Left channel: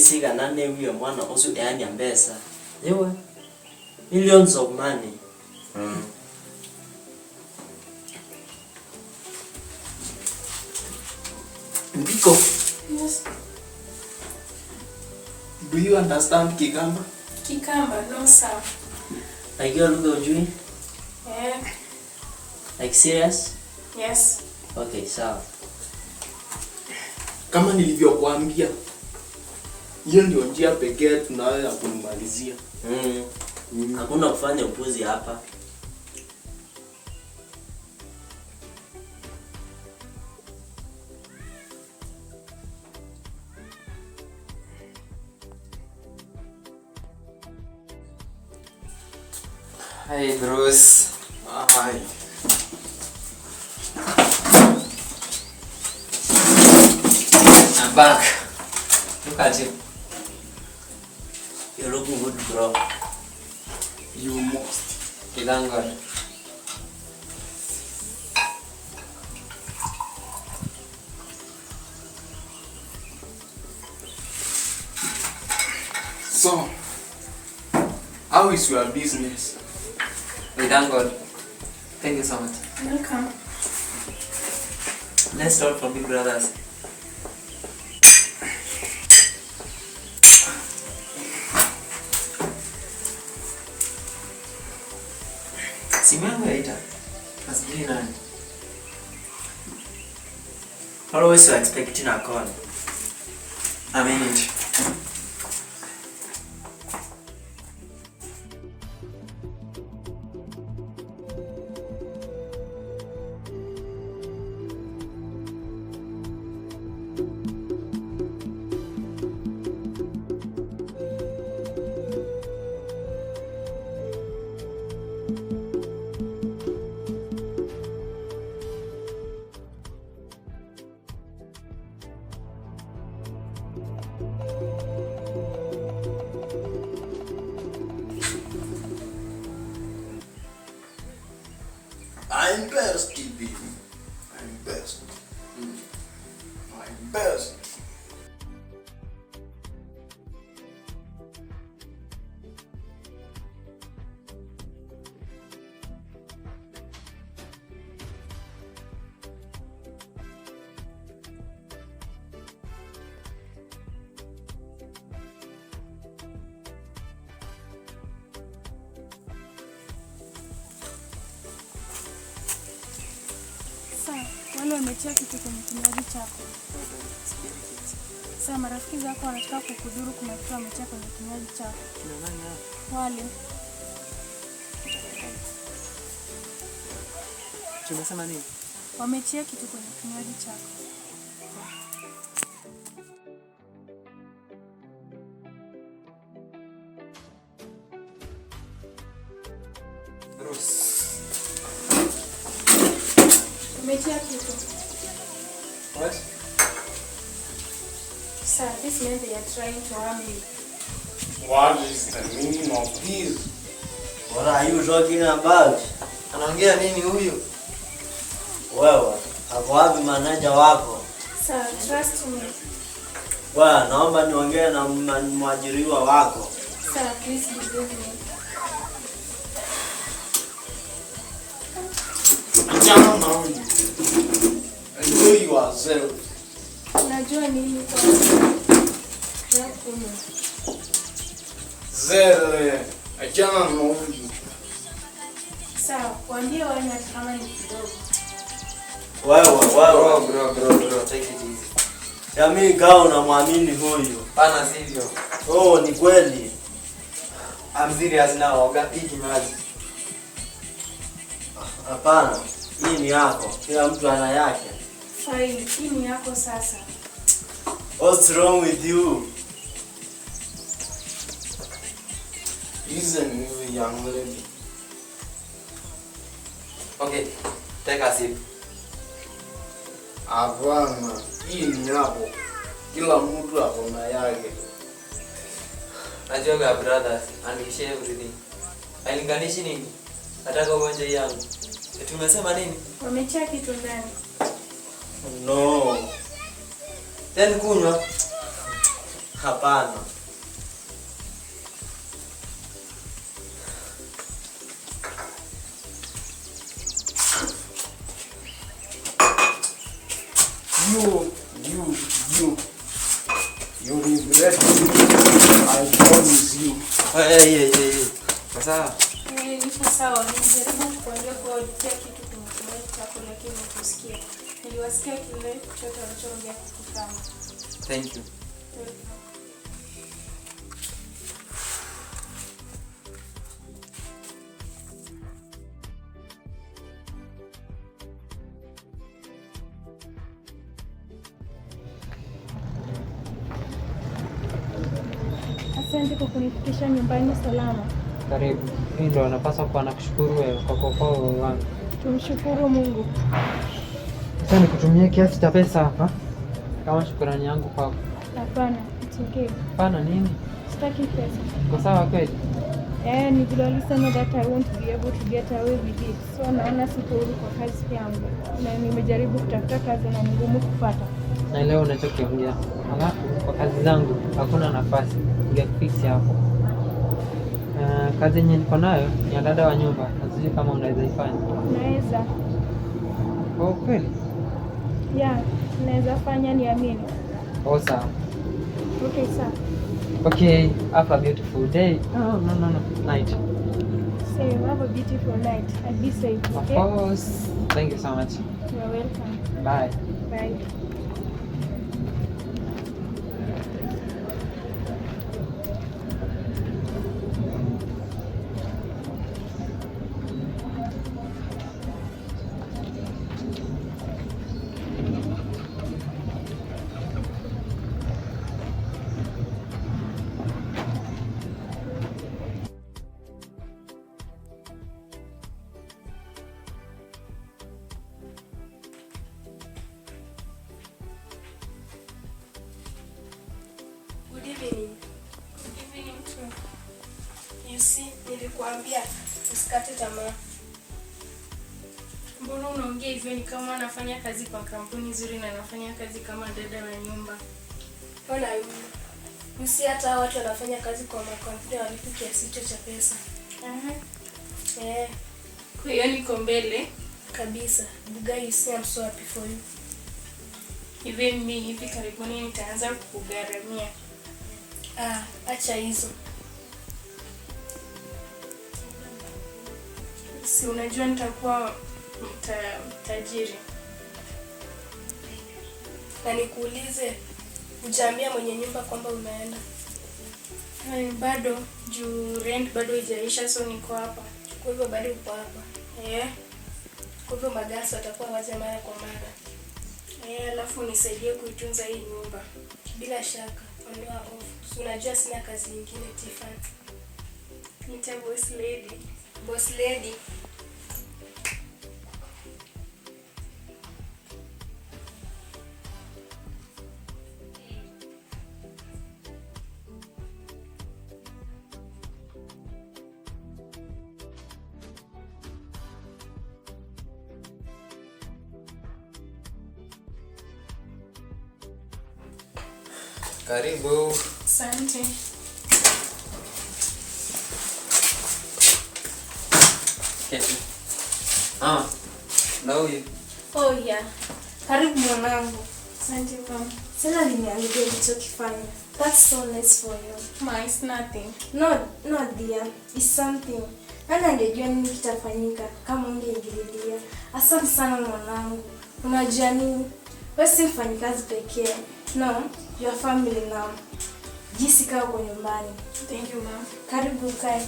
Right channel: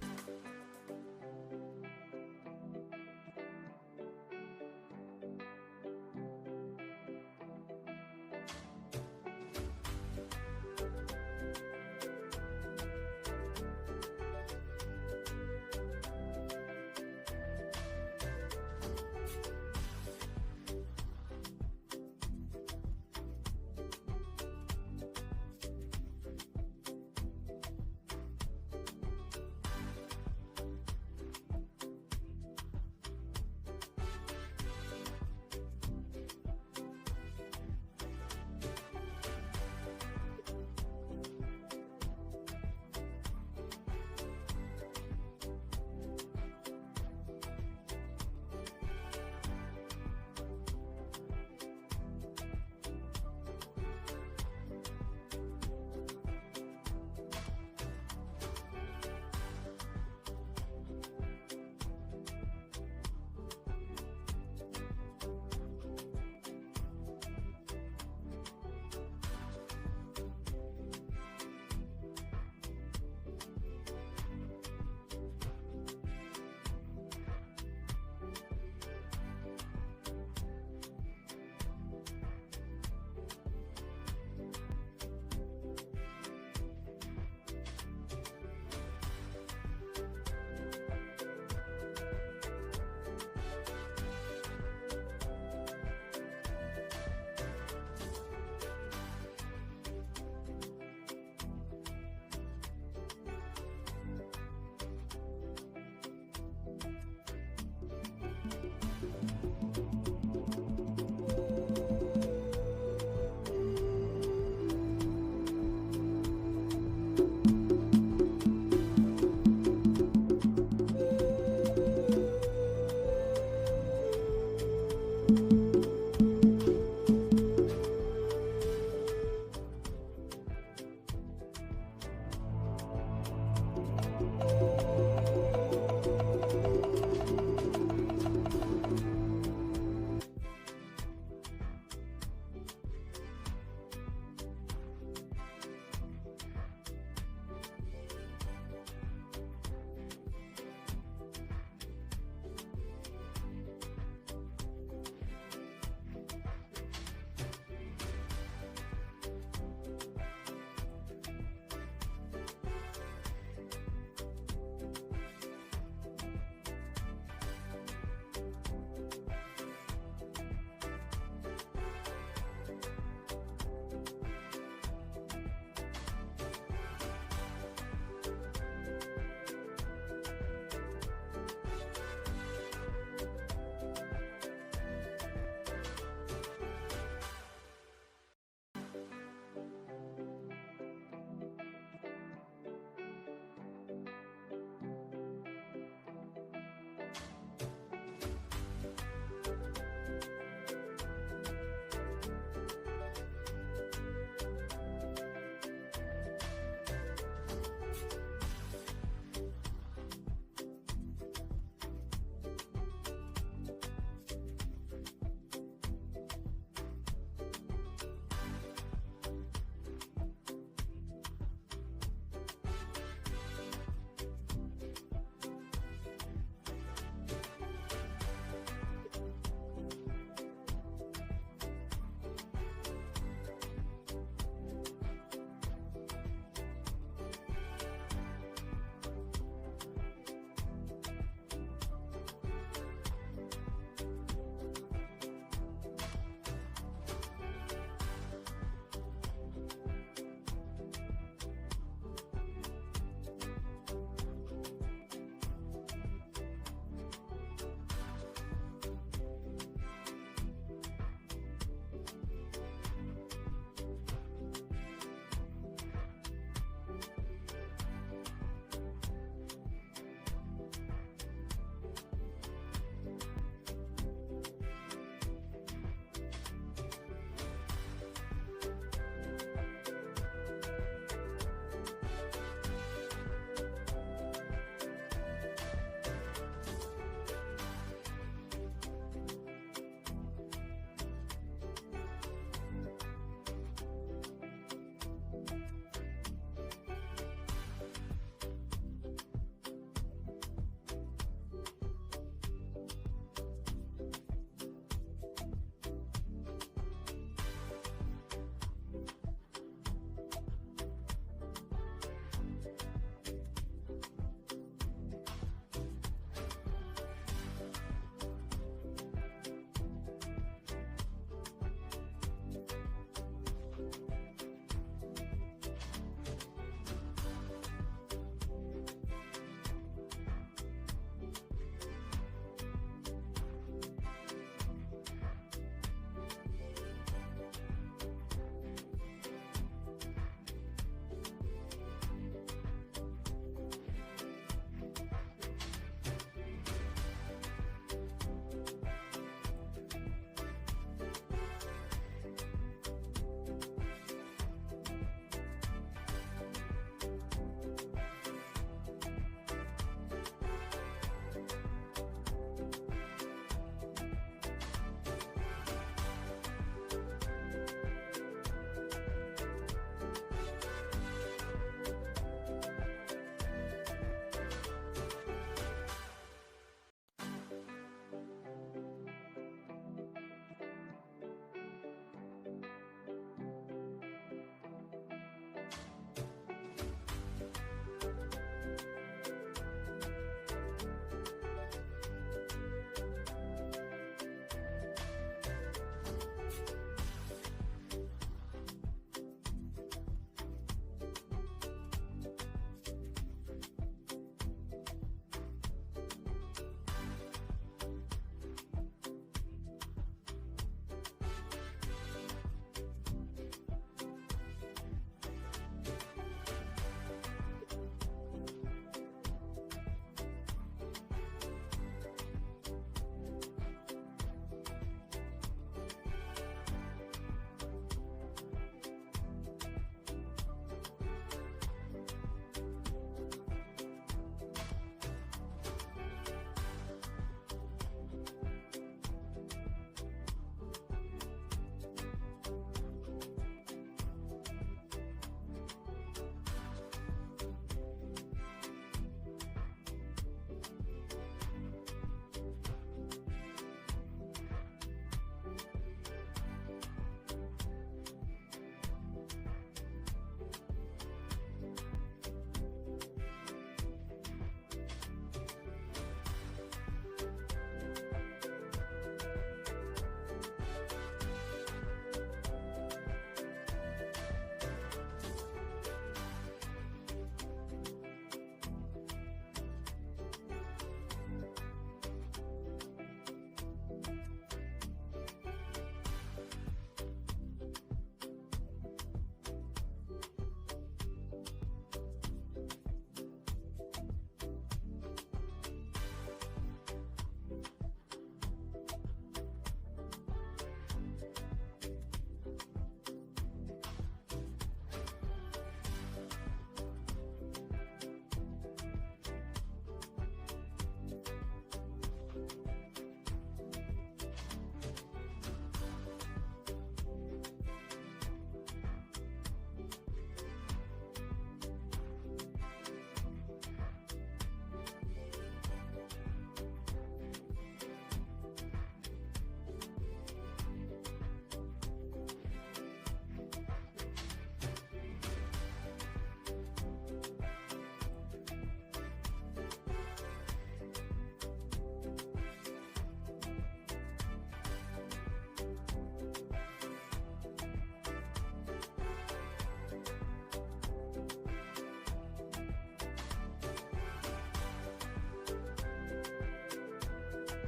sika nane huyo mwana osu yani ambesa. Yewe. Millions of money. Ndiko. Yes. Do you understand Kikamba? Kikamba, no sir. Like you're looking Yeah. like serious? Yes. Okay, sawa. Kama nilivyokuambia, hiyo ndio njia pekee tunaweza kumalizia. Hakuna kufanya upuzi hapa. Hey Bruce. Hi. I'm back. Look at you. You're looking good, bro. You must. Thank God. So, how is your business? We thank God. Thank you so much. Welcome. Let's start from Big Brothers. Simu yangu yaita. Nasubiri nani? Always you're expecting a call. I'm in it. I'm best, TB. I'm best. I'm best. Wale wametia kitu kwenye kinywaji chako. Sasa marafiki zako wanataka kukudhuru kuna kitu wametia kwenye kinywaji chako. Wale. Tunasema nini? Wametia kitu kwenye kinywaji chako. Bruce. Wametia kitu. What? Sir, this means they are trying to harm you. What is the meaning of this? What are you talking about? Anaongea nini huyu? Wewe, hapo wapi manager wako? Sir, trust me. Wewe, naomba niongee na mwajiriwa wako. Sir, please believe me. I know yourself. Unajua nini kwa? Zele, achana na huyu. Sawa, waambie wale hata kama ni kidogo. Wewe, Take it easy. jamii kama unamwamini huyu. Pana sivyo. Oh, ni kweli. I'm serious now. Ogapi kimaji. Hapana, hii ni yako. Kila mtu ana yake. Fine, hii ni yako sasa. What's wrong with you? He's a new young lady. Okay, take a sip. Hapana, hii ni yako. Kila mtu ako na yake. Najua brothers, and we share everything. Hailinganishi nini? Nataka uonje yangu. Tumesema nini? Wametia kitu ndani. No. Then kunywa. Hapana. You regret it. I promise you. Sasa Nipo sawa, nilijaribu kuambia kwa auditia kitu kwenye chako lakini hukusikia. Niliwasikia kile chochote walichoongea kukutana. Thank you. Asante kwa kunifikisha nyumbani salama. Karibu. Hii ndio anapaswa kuwa nakushukuru wewe kwa kuokoa roho wangu. Tumshukuru Mungu. Sasa nikutumie kiasi cha pesa hapa kama shukrani yangu kwako. Hapana, it's okay. Hapana nini? Sitaki pesa. Uko sawa kweli? Ni vile walisema that I won't be able to get away with it. So naona siko huru kwa kazi yangu. Na nimejaribu kutafuta kazi na ni ngumu kupata. Na leo unachokiongea. Alafu kwa kazi zangu hakuna nafasi. Ungefix hapo. Kazi yenye niko nayo ni ya dada wa nyumba. Sijui kama unaweza ifanya. Naweza. Oh, kweli? Yeah, naweza fanya niamini. Oh, sawa. Okay, sawa. Okay, have a beautiful day. Oh, no. Night. So you have a beautiful night. And be safe, okay? Of course. Thank you so much. You're welcome. Bye. Bye. Nilikuambia usikate tamaa. Mbona unaongea hivyo? Ni kama anafanya kazi kwa kampuni nzuri na anafanya kazi kama dada wa nyumba. Ona hivi. Usi hata watu wanafanya kazi kwa makampuni walipo kiasi hicho cha pesa. Kwa hiyo niko mbele kabisa. Bugai, you see I'm so happy for you. Even me hivi karibuni nitaanza kukugharamia. Acha hizo. Si unajua nitakuwa tajiri. Na nikuulize, hujaambia mwenye nyumba kwamba unaenda? Bado juu rent bado haijaisha, so niko hapa. Kwa hivyo bado uko hapa. Kwa hivyo magasi watakuwa waje mara kwa mara. Alafu nisaidie kuitunza hii nyumba. Bila shaka, ondoa hofu. Unajua sina kazi nyingine Tiffany. Nita boss lady. Boss lady. Karibu. Asante. Keti. Na huyu. Oh yeah. Karibu mwanangu. Asante mama. Sasa nimeangalia ulichokifanya. That's so nice for you. Ma, it's nothing. No dear. It's something. Nani angejua nini kitafanyika kama ungeingililia. Asante sana mwanangu. Unajua nini? Wewe si mfanyikazi pekee. No, your family now. Jinsi kaa uko nyumbani. Thank you mama. Karibu kae.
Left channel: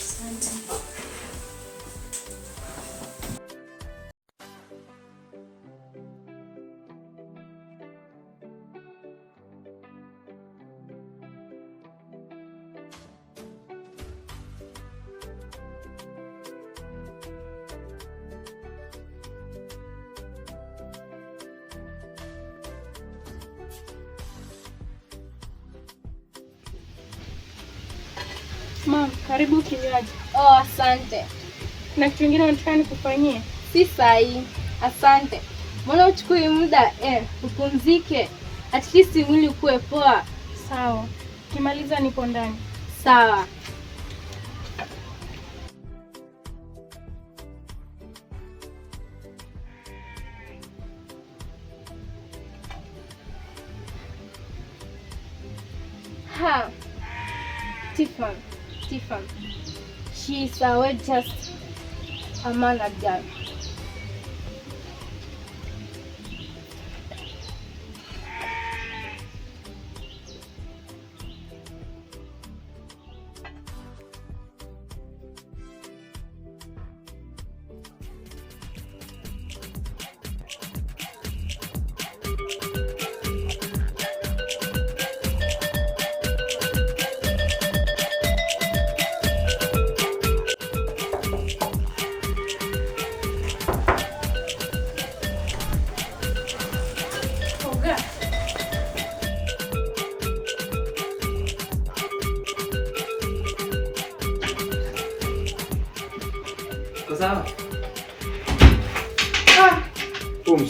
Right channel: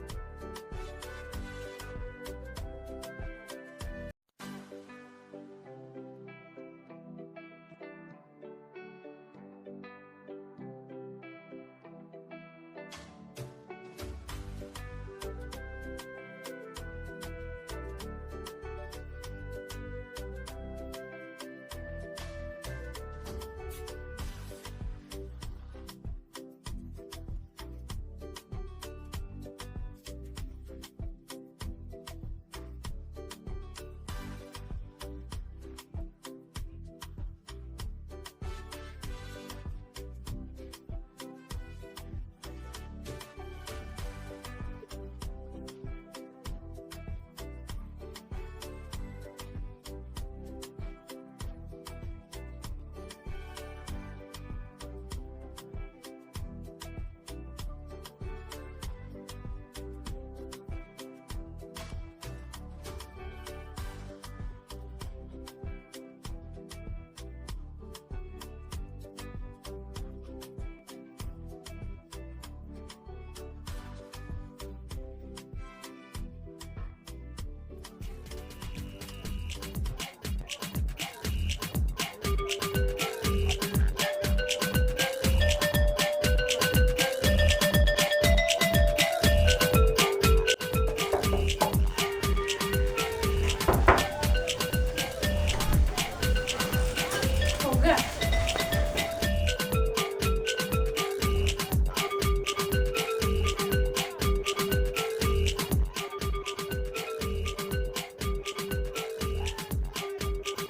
Asante. Mama, karibu kinywaji. Oh, asante. Na kitu kingine nataka nikufanyie. Si sahi. Asante. Mbona uchukui muda upumzike? At least mwili ukue poa. Sawa. Kimaliza nipo ndani. Sawa. Ha. Tiffany. She is just a man of God.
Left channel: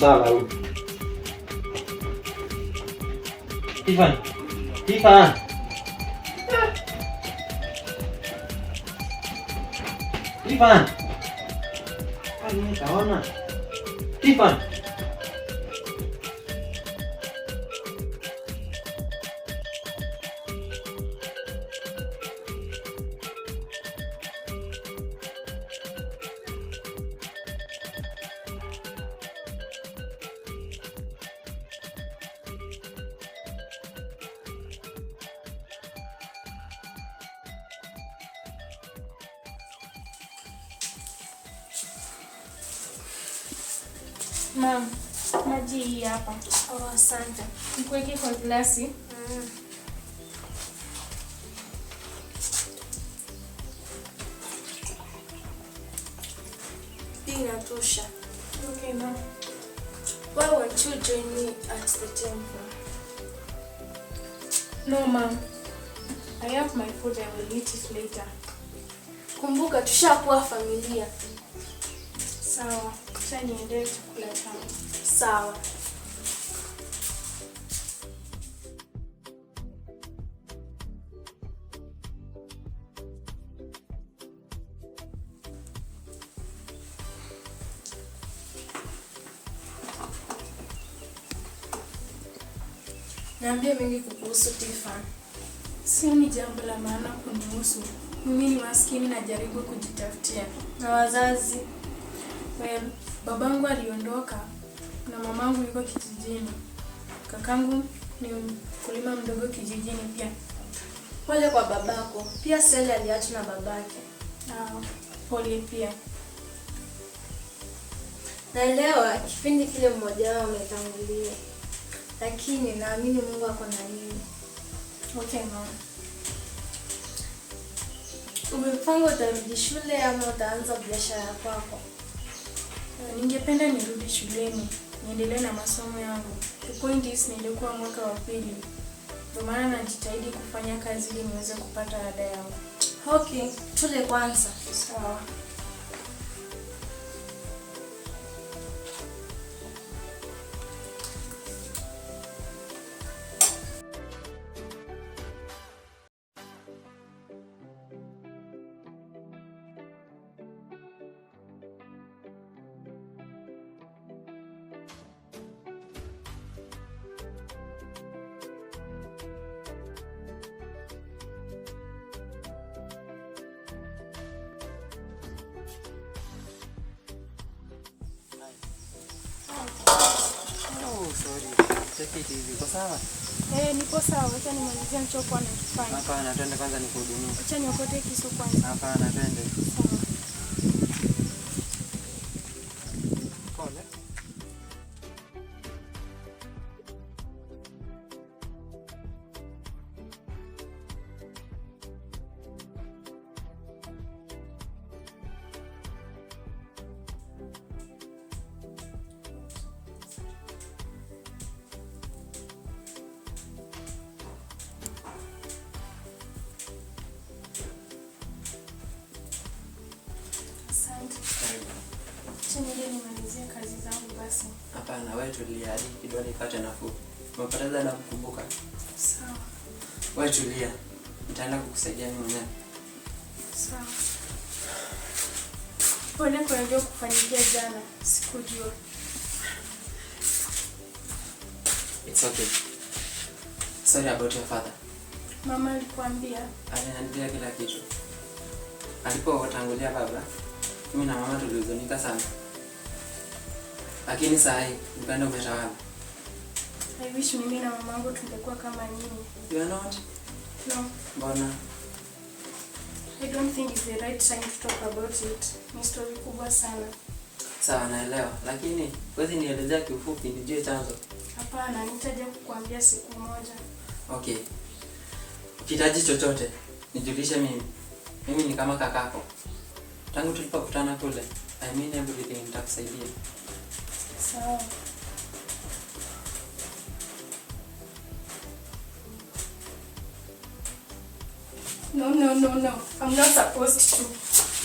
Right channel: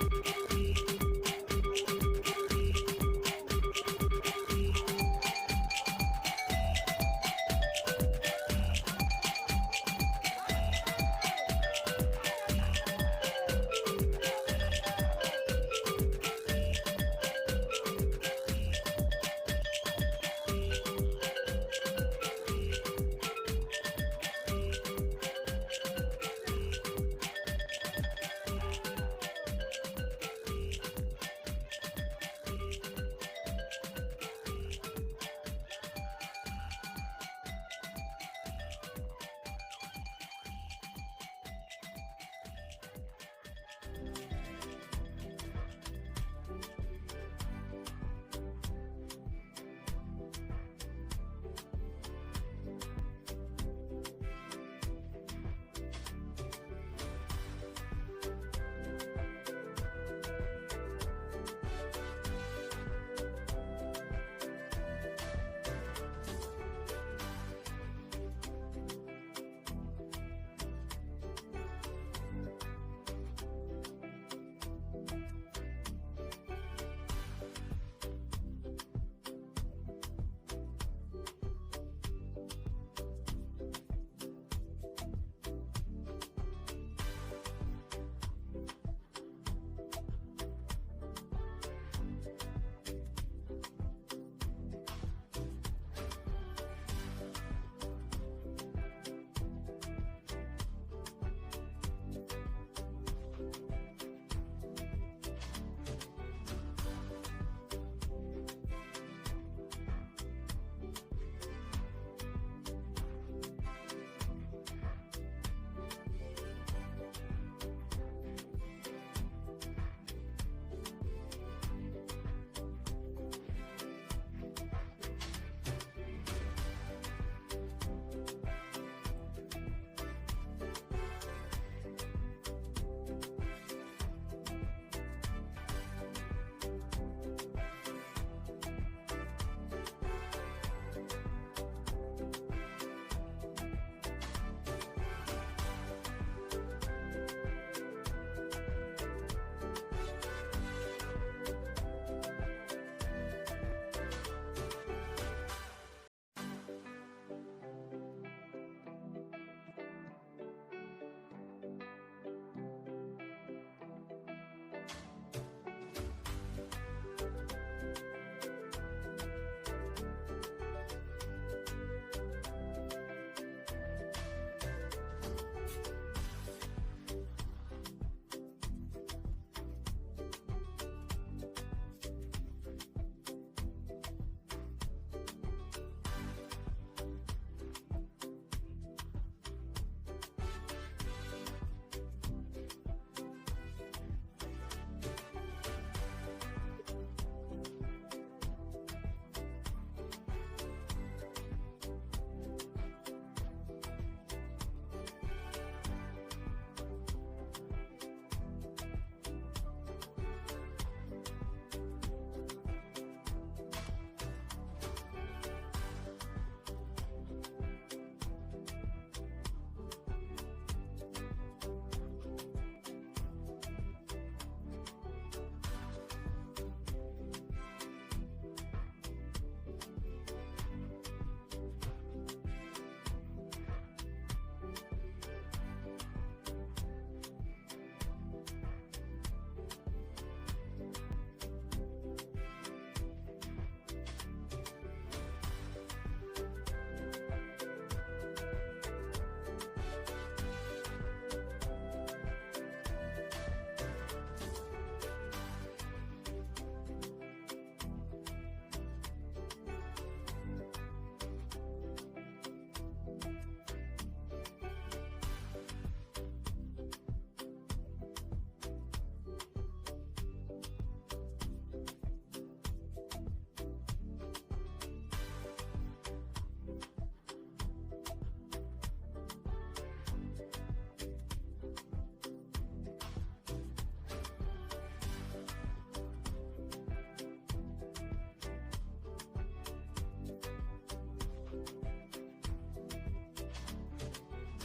Sawa huyu. Tiffany. Utaona. Tiffany. Mama, maji hii hapa. Oh, asante. Nikuweke kwa glasi. Hii inatosha. Okay, mama. Why won't you join me at the temple? No, mom. I have my food. I will eat it later. Kumbuka tushakuwa familia. Sawa. Sasa niende chakula changu. Sawa. Niambie mengi kuhusu Tiffany. Sio ni jambo la maana kunihusu. Mimi ni maskini najaribu kujitafutia. Na wazazi? Well, babangu aliondoka na mamangu yuko kijijini. Kakangu ni mkulima mdogo kijijini pia. Pole kwa babako. Pia Sally aliachwa na babake. Pole pia. Naelewa kipindi kile mmoja wao ametangulia. Lakini naamini Mungu ako na nini. Okay, mama. Umepanga utarudi shule ama utaanza biashara kwako? Ningependa nirudi shuleni, niendelee na masomo yangu. The point is nilikuwa mwaka wa pili. Kwa maana najitahidi kufanya kazi ili niweze kupata ada yangu. Okay, tule kwanza. Sawa. Uko sawa? Nipo sawa. Acha nimalizie nichokuwa nakifanya. Hapana, twende kwanza nikuhudumie. Acha niokote kisu kwanza. Hapana, twende. Pole. Hapana, wewe tulia hadi kidole ipate nafuu. Umepoteza na kukumbuka. Sawa. Wewe tulia. Nitaenda kukusaidia mimi mwenyewe. Sawa. Pole kwa ndio kufanyikia jana. Sikujua. It's okay. Sorry about your father. Mama alikwambia? Aliniambia kila kitu. Alipotangulia baba, mimi na mama tulihuzunika sana. Lakini saa hii upendo umetawala. I wish mimi na mamangu tungekuwa kama nyinyi. You are not? No. Mbona? I don't think it's the right time to talk about it. Ni story kubwa sana. Sawa, naelewa. Lakini wewe nielezea kiufupi nijue chanzo. Hapana, nitaje kukuambia siku moja. Okay. Ukihitaji chochote, nijulishe mimi. Mimi ni kama kakako. Tangu tulipokutana kule, I mean everything, nitakusaidia. Sawa. No. I'm not supposed to.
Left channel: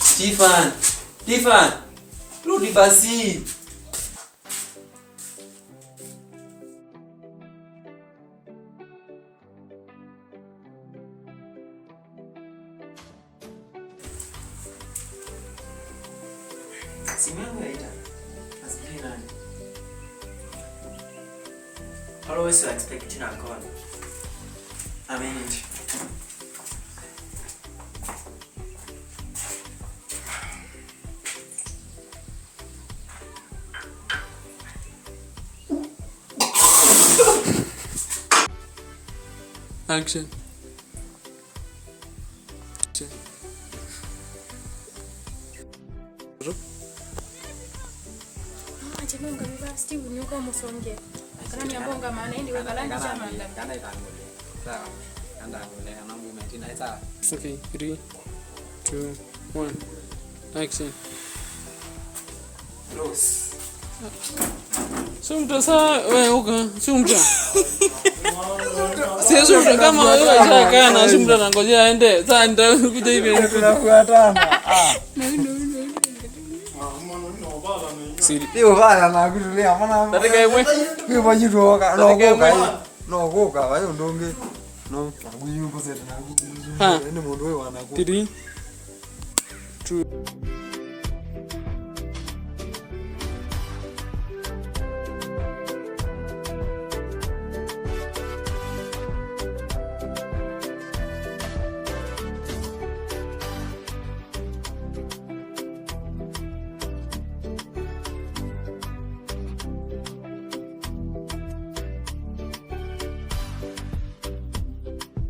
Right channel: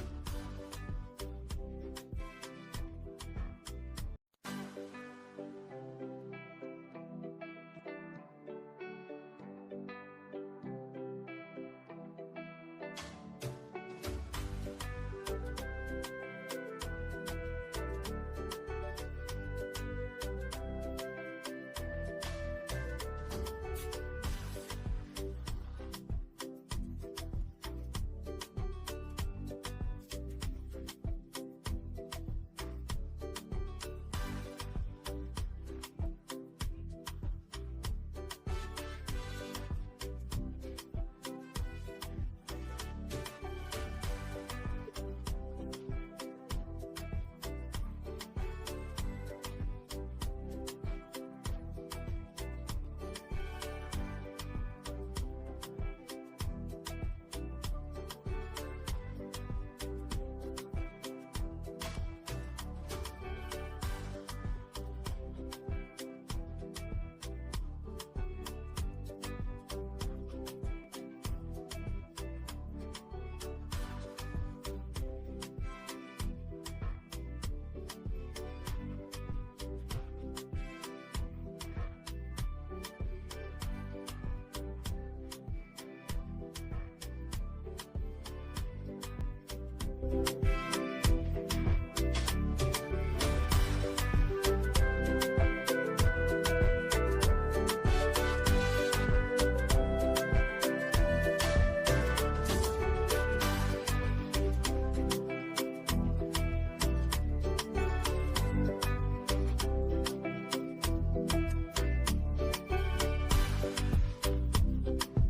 Stefan! Rudi basi. Simu yaita. Asijui nani. Always expecting a call. I mean it. Action. Acha mungu baba Steve ni uko msonge. Kana ni ambonga maana ndi wewe balani chama. Sawa. Anda ngolea na mimi mtina sawa. Okay, 3, 2, 1. Action. Rose. Sumta saa wewe uka sumta. Sumta kama wewe shaka na sumta nangojea aende. Sasa nitakuja hivi Tunafuatana. Ndio bana na kutulia maana. Nataka yeye. Wewe wajiroka no goka wayo ndonge. No, kuyuko sasa na. Ha. Ni mundu wewe wana. 3 2